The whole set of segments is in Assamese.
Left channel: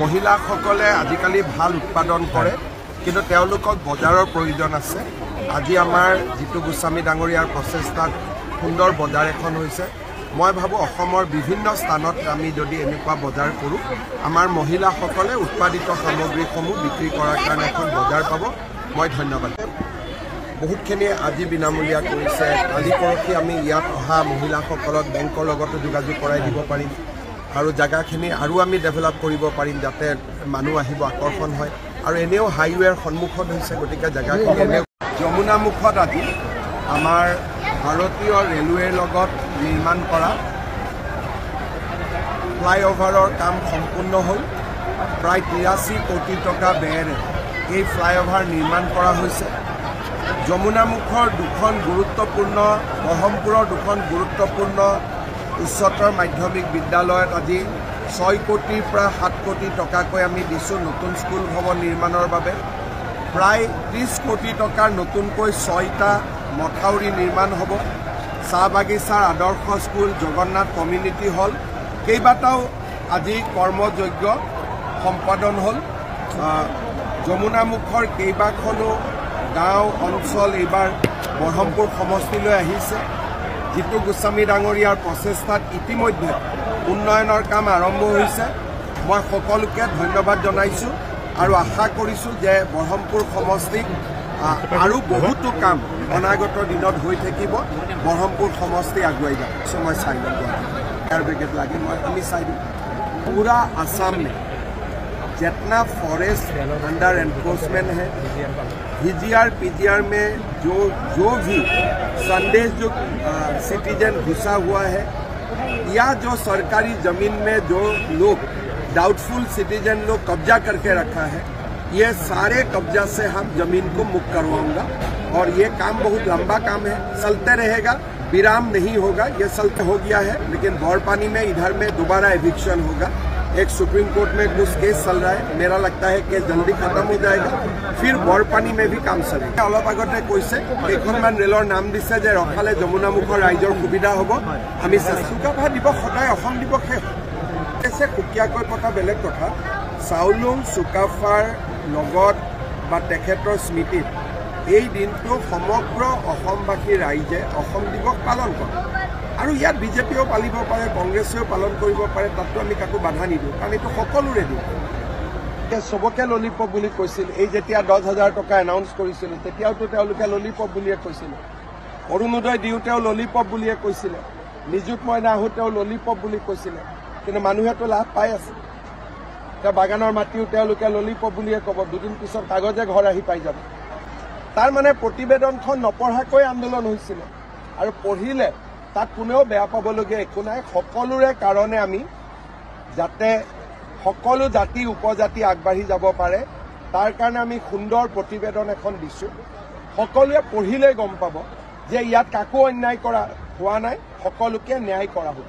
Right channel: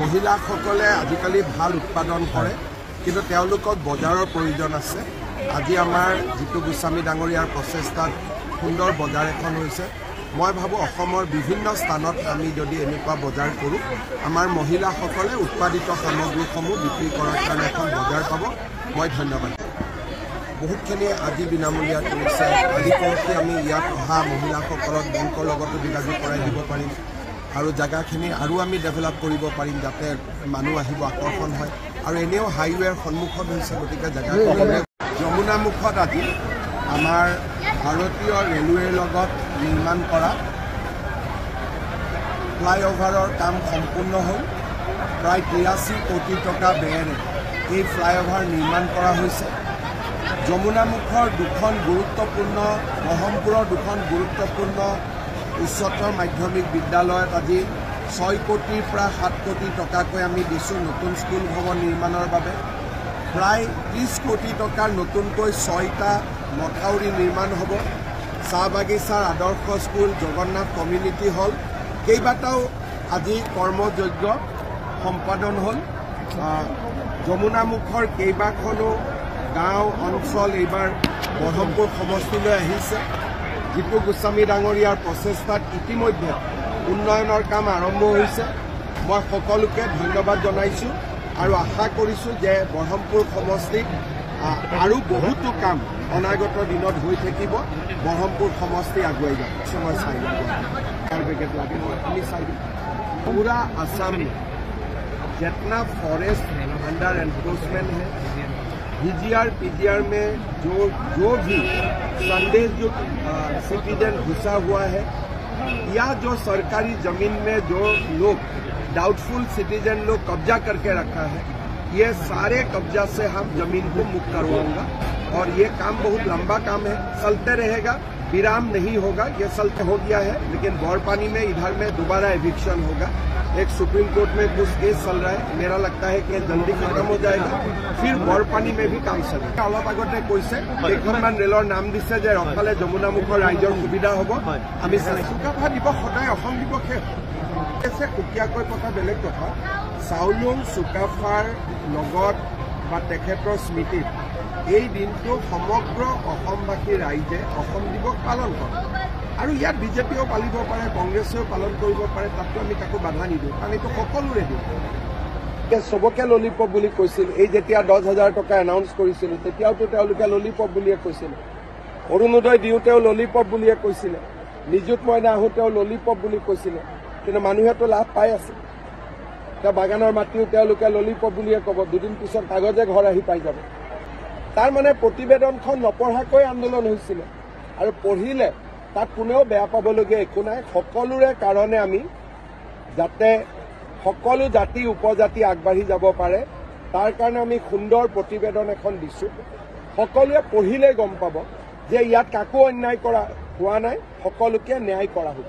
মহিলাসকলে আজিকালি ভাল উৎপাদন কৰে, কিন্তু তেওঁলোকক বজাৰৰ প্ৰয়োজন আছে। আজি আমাৰ জিতু গোস্বামী ডাঙৰীয়াৰ প্ৰচেষ্টাত সুন্দৰ বজাৰ এখন হৈছে। মই ভাবোঁ অসমৰ বিভিন্ন স্থানত আমি যদি এনেকুৱা বজাৰ কৰোঁ, আমাৰ মহিলাসকলে উৎপাদিত সামগ্ৰীসমূহ বিক্ৰী কৰাৰ কাৰণে এখন বজাৰ পাব। মই ধন্যবাদ। বহুতখিনি আজি বিনামূলীয়া কৰিছে। কালি পৰহি আমি ইয়াত অহা মহিলাসকলক বেংকৰ লগতো যোগাযোগ কৰাই দিব পাৰিম আৰু জেগাখিনি আৰু আমি ডেভেলপ কৰিব পাৰিম, যাতে মানুহ আহিব, আকৰ্ষণ হয়। আৰু এনেও হাইৱেৰ সন্মুখত হৈছে, গতিকে জেগাখিনি এনে যমুনামুখত আজি আমাৰ ভাৰতীয় ৰেলৱেৰ লগত নিৰ্মাণ কৰা ফ্লাইঅভাৰৰ কাম সম্পূৰ্ণ হ'ল। প্ৰায় 83 কোটি টকা ব্যয়েৰে এই ফ্লাইঅভাৰ নিৰ্মাণ কৰা হৈছে। যমুনামুখৰ দুখন গুৰুত্বপূৰ্ণ, ব্ৰহ্মপুৰৰ দুখন গুৰুত্বপূৰ্ণ উচ্চতৰ মাধ্যমিক বিদ্যালয়ত আজি 6 কোটিৰ পৰা 7 কোটি টকাকৈ আমি দিছোঁ নতুন স্কুল ভৱন নিৰ্মাণৰ বাবে। প্ৰায় 30 কোটি টকাৰ নতুনকৈ 6টা মথাউৰি নিৰ্মাণ হ'ব। চাহ বাগিচাৰ আদৰ্শ স্কুল, জগন্নাথ কমিউনিটি হল, কেইবাটাও আজি কৰ্মযজ্ঞ সম্পাদন হ'ল। যমুনামুখৰ কেইবাখনো গাঁও অঞ্চল এইবাৰ ব্ৰহ্মপুৰ সমষ্টিলৈ আহিছে। জিতু গোস্বামী ডাঙৰীয়াৰ প্ৰচেষ্টাত ইতিমধ্যে উন্নয়নৰ কাম আৰম্ভ হৈছে। মই সকলোকে ধন্যবাদ জনাইছোঁ আৰু আশা কৰিছোঁ যে ব্ৰহ্মপুৰ সমষ্টিত আৰু বহুতো কাম অনাগত দিনত হৈ থাকিব। ব্ৰহ্মপুৰ সমষ্টি আগুৱাই যাব। মই চাই লওঁ ফায়াৰ ব্ৰিগেড লাগে, আমি চাই দিম। पूरा आसाम में जितना फॉरेस्ट अंडर एनक्रोचमेंट है, VGR PGR में जो भी संदेश जो सिटीजन घुसा हुआ है, या जो सरकारी जमीन में जो लोग डाउटफुल सिटीजन लोग कब्जा करके रखा है, ये सारे कब्जा से हम जमीन को मुक्त करवाऊंगा। और ये काम बहुत लंबा काम है, चलते रहेगा, विराम नहीं होगा। ये चलते हो गया है, लेकिन बौरपानी में इधर में दोबारा एविक्शन होगा। एक सुप्रीम कोर्ट में कुछ केस चल रहा है, मेरा लगता है कि जल्दी खत्म हो जाएगा, फिर बौरपानी में भी काम चलेगा। अलप आगते कैसे केइखनमान रेলৰ नाम दिছে যে ৰখালে যমুনামুখৰ ৰাইজৰ সুবিধা হ'ব। আমি চুকাফা দিৱস সদায় অসম দিৱসে আছে, সুকীয়াকৈ পতা বেলেগ কথা। চাউলুং চুকাফাৰ লগত বা তেখেতৰ স্মৃতিত এই দিনটো সমগ্ৰ অসমবাসী ৰাইজে অসম দিৱস পালন কৰে। আৰু ইয়াত বিজেপিও পালিব পাৰে, কংগ্ৰেছেও পালন কৰিব পাৰে, তাতো আমি কাকো বাধা নিদিওঁ, কাৰণ এইটো সকলোৰে দিন। চবকে ললিপপ বুলি কৈছিল। এই যেতিয়া 10,000 টকা এনাউন্স কৰিছিলোঁ, তেতিয়াওতো তেওঁলোকে ললিপপ বুলিয়ে কৈছিলে। অৰুণোদয় দিওঁতেও ললিপপ বুলিয়ে কৈছিলে। নিযুত মইনা আহোঁতেও ললিপপ বুলি কৈছিলে, কিন্তু মানুহেতো লাভ পাই আছে। এতিয়া বাগানৰ মাটিও তেওঁলোকে ললিপপ বুলিয়ে ক'ব, দুদিন পিছত কাগজে ঘৰ আহি পাই যাব। তাৰ মানে প্ৰতিবেদনখন নপঢ়াকৈ আন্দোলন হৈছিল, আৰু পঢ়িলে তাত কোনেও বেয়া পাবলগীয়া একো নাই। সকলোৰে কাৰণে আমি যাতে সকলো জাতি উপজাতি আগবাঢ়ি যাব পাৰে, তাৰ কাৰণে আমি সুন্দৰ প্ৰতিবেদন এখন দিছোঁ। সকলোৱে পঢ়িলে গম পাব যে ইয়াত কাকো অন্যায় কৰা হোৱা নাই, সকলোকে ন্যায় কৰা হ'ব।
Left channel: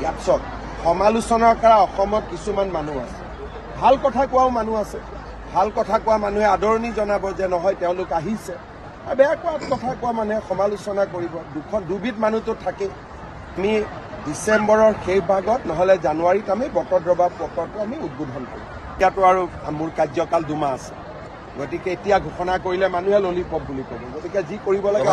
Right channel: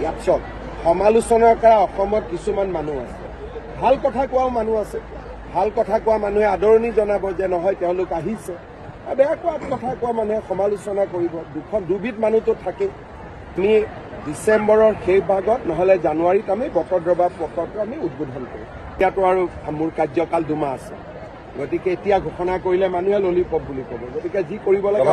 ইয়াৰ পিছত সমালোচনাৰ কৰা অসমত কিছুমান মানুহ আছে, ভাল কথা কোৱাও মানুহ আছে। ভাল কথা কোৱা মানুহে আদৰণি জনাব যে নহয় তেওঁলোক আহিছে, বেয়া কথা কোৱা মানুহে সমালোচনা কৰিব। দুবিধ মানুহটো থাকে। আমি ডিচেম্বৰৰ শেষ ভাগত নহ'লে জানুৱাৰীত আমি বটদ্ৰৱা প্ৰকল্পটো আমি উদ্বোধন কৰিম। এতিয়াতো আৰু মোৰ কাৰ্যকাল 2 মাহ আছে, গতিকে এতিয়া ঘোষণা কৰিলে মানুহে ললিপপ বুলি ক'ব। গতিকে যি কৰিব লাগে